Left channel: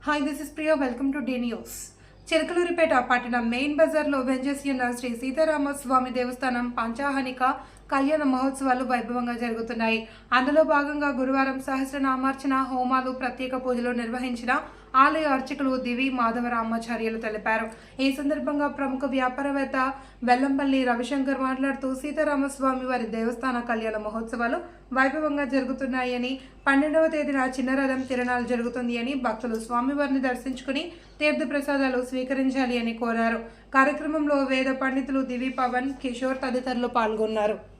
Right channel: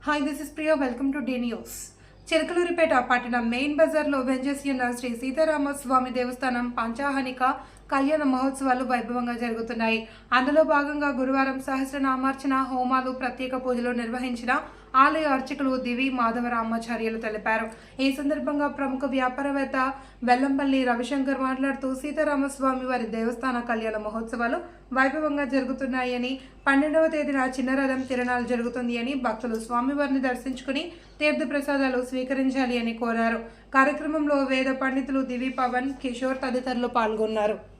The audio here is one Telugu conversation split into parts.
Hi this is Priya welcome to the news Chilakaluripet పట్టణ మెయిన్ బజార్లో వెంచేసి ఉన్న శ్రీ సీతారామ స్వామి దేవస్థానం పంచాహనిక కళ్యాణ మహోత్సవాలు వైభవంగా జరుగుతున్నాయి. అందులో భాగంగా గురువారం సహస్రనామార్చన హోమాలు ప్రత్యేక పూజలు నిర్వహించిన ఆలయ అర్చకులు దివి మాధవరామాచార్యులు తెలిపారు. ఈ సందర్భంగా ప్రముఖ వ్యాపారవేత్త వెల్లంపల్లి రవిశంకర్ మాట్లాడుతూ సీతారామస్వామి వారి దేవస్థాన కళ్యాణ మహోత్సవాలు వైభవంగా జరుగుతున్నాయని పన్నెండవ తేదీన చిన్నరథం తిరణాలు జరుగుతుంది అని భక్తులు స్వామివారిని దర్శించుకుని తీర్థ ప్రసాదాలు స్వీకరించాలి అని కోరారు. కార్యక్రమంలో వేద పండితులు దివి పవన్ కిషోర్ తదితరులు పాల్గొన్నారు.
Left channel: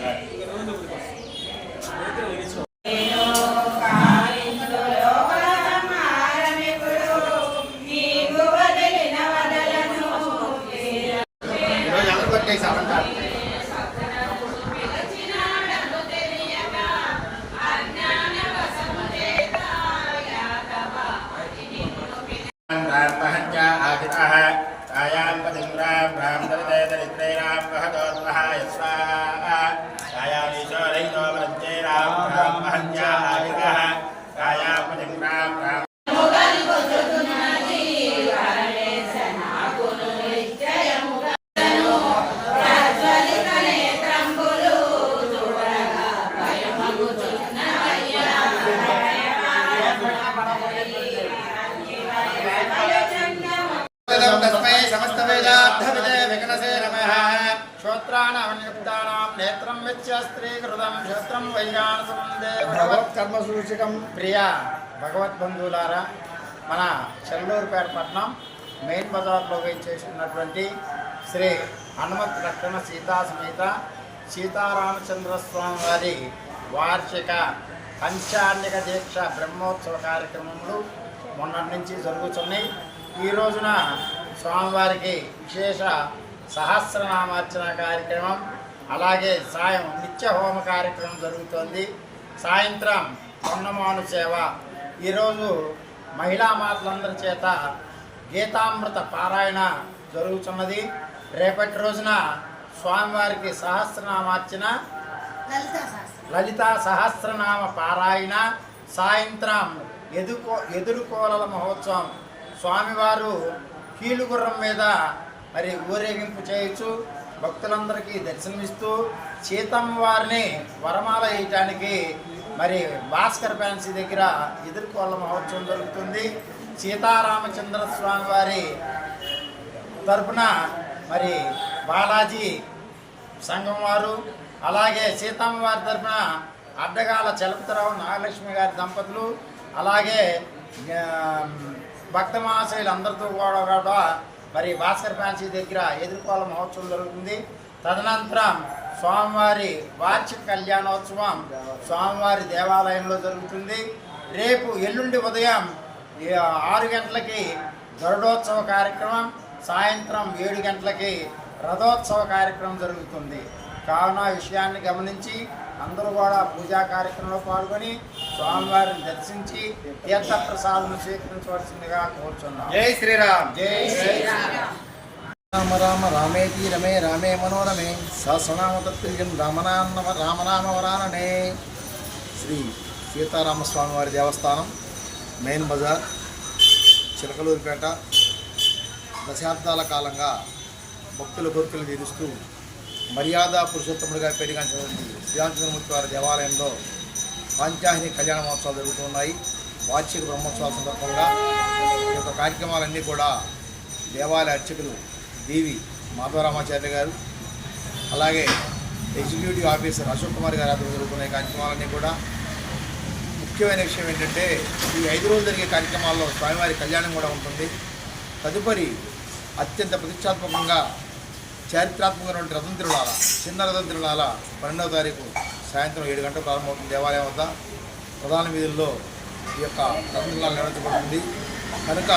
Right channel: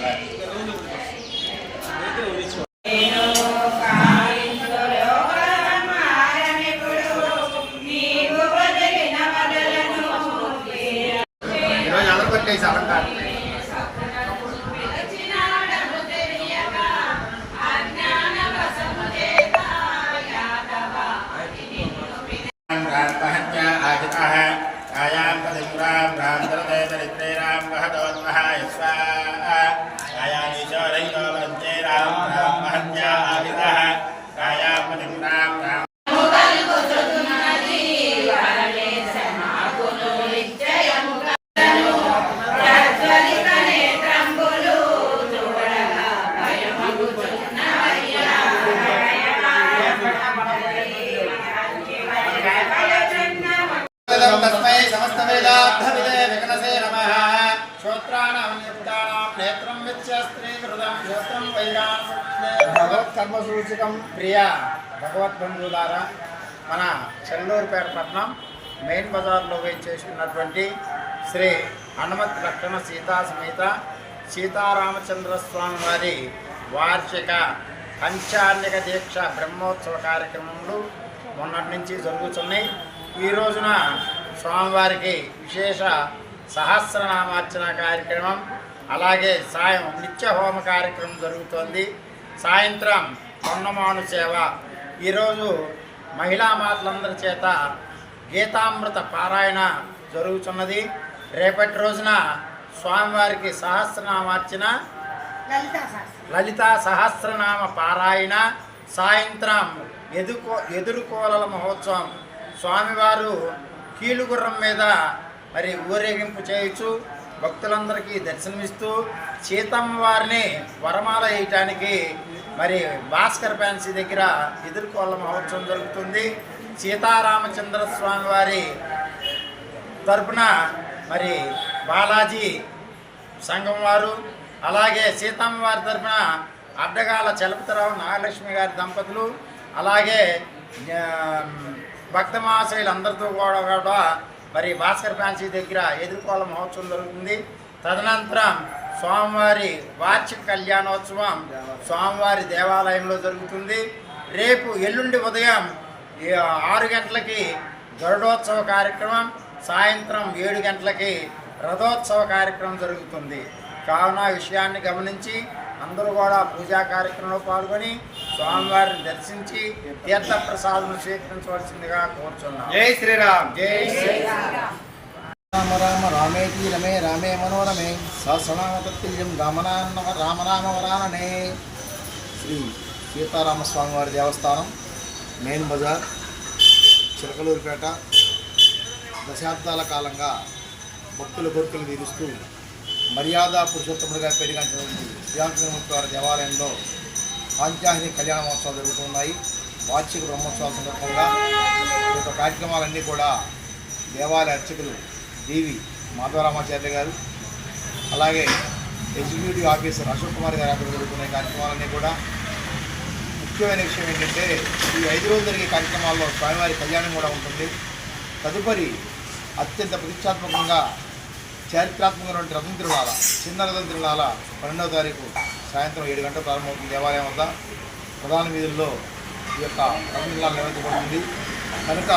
All right. సమస్తవేదార్థవిదే విఘ్నసే నమః నేత్రం విచ్య స్త్రీకృతం క్షేత్రం వైగానసుందే భగవత్కర్మ సూచకం ప్రియ భగవద్బంధువులారా మన చెల్లూరుపేట పట్నం మెయిన్ బజార్లో వేచేస్తున్నటువంటి శ్రీ హనుమత్ లక్షణ సీతా సమేత సీతారామచంద్ర స్వామి వారి వార్షిక పంచాన్నిక దీక్ష బ్రహ్మోత్సవ కార్యక్రమములు మొన్నటి నుంచి జరుగుతున్నాయి. ఈ రోజున స్వామివారికి విశేష సహస్రనామార్చన కార్యక్రమం అలాగే సాయం నిత్య హోమ కార్యక్రమం జరుగుతోంది. సాయంత్రం పొన్నమాను సేవ. ఈరోజు మహిళా మాతలందరి చేత గీతామృత పారాయణ జరుగుతున్నది. రేపటి రోజున స్వామివారికి సహస్రనామార్చన లలిత సహస్రనామ పారాయణ సాయంత్రం ఎదుకో ఎదురుకోలల మహోత్సవం. స్వామివారు కీలుగుర్రం మీద మరి ఊరేగింపు చేయొచ్చు. భక్తులందరికీ దర్శనమిస్తూ సీతమ్మ వారిని వరమాల వేయటానికి మరి భాస్కర్ ఫ్యాన్సీ దగ్గర ఎదుర్కోళ్ళ మహోత్సవం జరుగుతుంది. సీతారామచంద్ర స్వామి వారి తరపున మరి బాలాజీ సంఘం వారు అలాగే సీతమ్మ వారి తరపున అడ్డగాల చలపతిరావు నాగలక్ష్మి గారి దంపతులు అలాగే భక్త మహాశయులు అందరితో కూడా కూడా మరి భాస్కర్ ఫ్యాన్సీ దగ్గర ఎదుర్కోవాల మహోత్సవం జరుగుతుంది. తదనంతరం స్వామివారి వార్షిక కళ్యాణోత్సవం స్వామివారి దేవాలయంలో జరుగుతుంది. రేపు ఎల్లుండి ఉదయం ఆరు గంటలకి గరుడోత్సవ కార్యక్రమం సాయంత్రం ఏడు గంటలకి రథోత్సవ కార్యక్రమం జరుగుతుంది. కావున విషయాన్ని గమనించి అందరూ కూడా పూజా కార్యక్రమంలో పాల్గొని స్వామివారిని దర్శించి తీర్థ ప్రసాదం స్వీకరించవలసిందిగా కోరుచున్నాం. జై శ్రీరామ్. జై శ్రీరామ్. రామ రామ రామేతి రమే రామే మనోరమే. సహస్రనామ తత్తుల్యం రామనామ రామనామ వరాననే. శ్రీ సీతారామస్వామి వారి దేవస్థానం మెయిన్ బజార్ చిలకలూరిపేట. దశాబ్దాల కాలంగా భక్తుల కోరికలు తీరుస్తూ మర్యాద పురుషోత్తముడిగా పెరిగినటువంటి శ్రీరామచంద్రమూర్తి వారి దేవాలయంలో పాంచాహిని కళ్యాణ మహోత్సవాలు జరుగుతున్నాయి వార్షిక బ్రహ్మోత్సవాల సందర్భంగా ఈ యొక్క కార్యక్రమాలన్నీ కూడా దేవాలయ అర్చకులు దేవి మాధవరామాచార్య గారు అలాగే ఎగ్జిక్యూటివ్ ఆఫీసర్ అశోక్ కుమార్ గారి ఆధ్వర్యంలో జరుగుతున్న కార్యక్రమాలన్నీ కూడా ముఖ్యమైన విషయం ఏంటంటే ఈ ఐదు రోజులు జరిగే కార్యక్రమాల్లో స్వామివారి కళ్యాణం కూడా ఉంటుంది. తదుపరి అత్యంత ప్రతిష్టాత్మకంగా చారిత్రాత్మకమైనటువంటి రథం తిరునాల చిన్న రథం తిరునాల పన్నెండవ తారీఖు సాయంత్రం ఏడు గంటల ప్రారంభమవుతుంది దేవాలయం వద్ద. ప్రధాన వీధుల్లో ఈ యొక్క రథం తిరునాలు నిర్వహించబడుతుంది. కనుక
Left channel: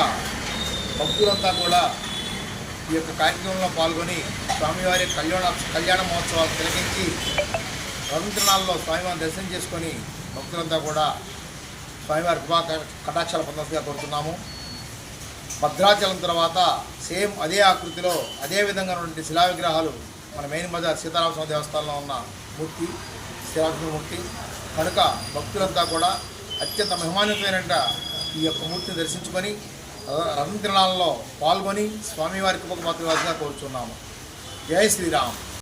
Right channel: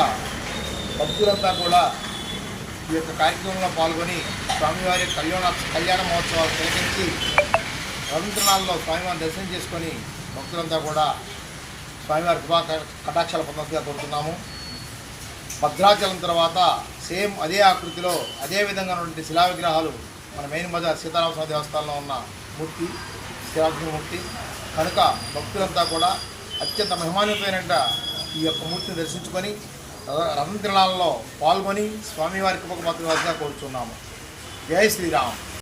భక్తులంతా కూడా ఈ యొక్క కార్యక్రమంలో పాల్గొని స్వామివారి కళ్యాణ కళ్యాణ మహోత్సవాలు తిలకించి రథం తిరునాళ్ళలో స్వామివారిని దర్శనం చేసుకొని భక్తులంతా కూడా స్వామివారి కృపా కటాక్షాల పొందగా కోరుతున్నాము. భద్రాచలం తర్వాత సేమ్ అదే ఆకృతిలో అదే విధంగా ఉన్నటువంటి శిలా విగ్రహాలు మన మెయిన్ బజార్ సీతారామస్వామి దేవస్థానంలో ఉన్న మూర్తి శ్రీరామకృష్ణ మూర్తి. కనుక భక్తులంతా కూడా అత్యంత మహిమాన్వితమైన ఈ యొక్క మూర్తిని దర్శించుకొని రథ- రథం తిరణాలలో పాల్గొని స్వామివారి కృపకు మాత్రమే కోరుచున్నాము. జై శ్రీరామ్.